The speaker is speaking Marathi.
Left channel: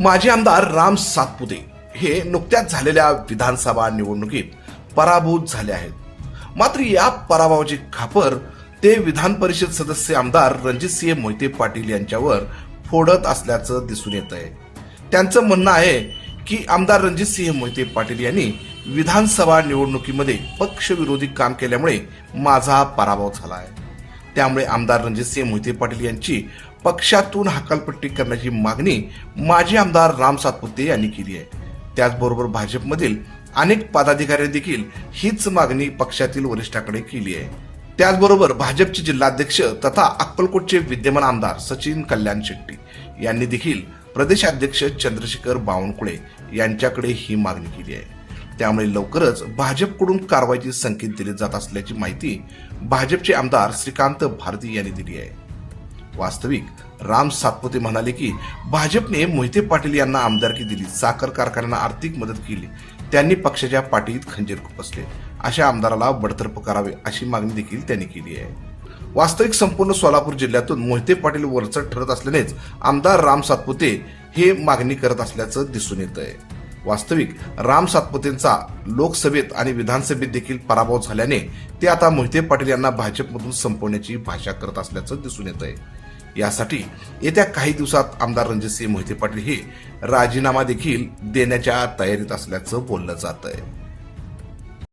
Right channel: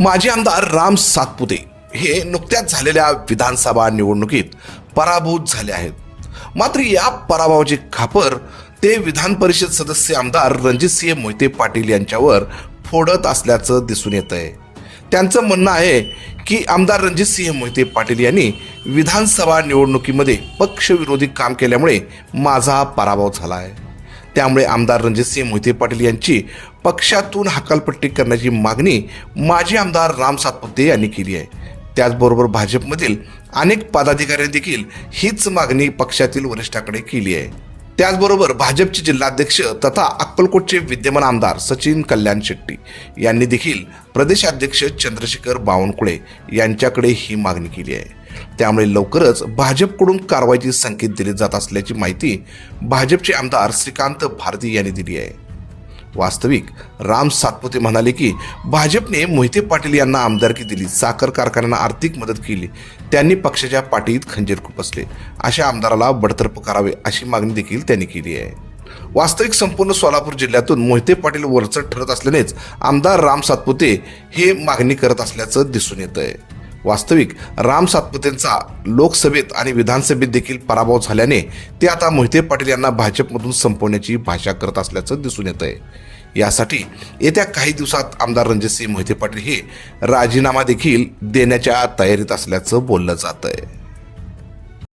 माजी आमदार राम सातपुते हे नुकत्याच झालेल्या विधानसभा निवडणुकीत पराभूत झाले आहेत. मात्र या पराभवाची खापर ते विधान परिषद सदस्य आमदार रणजितसिंह मोहिते पाटील यांच्यावर फोडत असल्याचं दिसून येत आहे त्यांचं म्हणणं आहे की आमदार रणजितसिंह मोहिते पाटील यांनी विधानसभा निवडणुकीमध्ये पक्षविरोधी काम केल्यामुळे माझा पराभव झाला आहे त्यामुळे आमदार रणजितसिंह मोहिते पाटील यांची पक्षातून हकालपट्टी करण्याची मागणी माजी आमदार राम सातपुते यांनी केली आहे. त्याचबरोबर भाजपमधील अनेक पदाधिकाऱ्यांनी देखील हीच मागणी पक्षातील वरिष्ठाकडे केली आहे. त्याचबरोबर भाजपचे जिल्हाध्यक्ष तथा अक्कलकोटचे विद्यमान आमदार सचिन कल्याण शेट्टी यांनी देखील प्रदेशाध्यक्ष चंद्रशेखर बावनकुळे यांच्याकडे ही मागणी केली आहे. त्यामुळे लवकरच भाजपकडून कारवाईचे संकेत दिले जात असल्याची माहिती भाजपचे आमदार श्रीकांत भारती यांनी दिली आहे. वास्तविक राम सातपुते म्हणाले की भाजपने मोहिते पाटील यांना आमदारकी दिली साखर कारखान्यांना आर्थिक मदत केली त्यांनी पक्षाच्या पाठीत खंजीर खुपसले. अशा आमदाराला बडतर्फ करावे अशी मागणी देखील त्यांनी केली आहे. वास्तविक संपूर्ण सोलापूर जिल्ह्यातून मोहिते पाटील वरचढ ठरत असल्यानेच आमदार राम सातपुते हे मागणी करत असल्याचं दिसून येत आहे वास्तविक राम सातपुतेंचा लोकसभेत आणि विधानसभेत देखील पराभव झाल्याने ते आता मोहिते पाटील यांना भाजपमधून संपवण्याची भाषा करत असल्याचं दिसून येत आहे यासाठी येत्या काही दिवसात आमदार रणजितसिंह मोहिते पाटील हे राजीनामा देखील देण्याच्या तयारीत असल्याचं बोललं जात आहे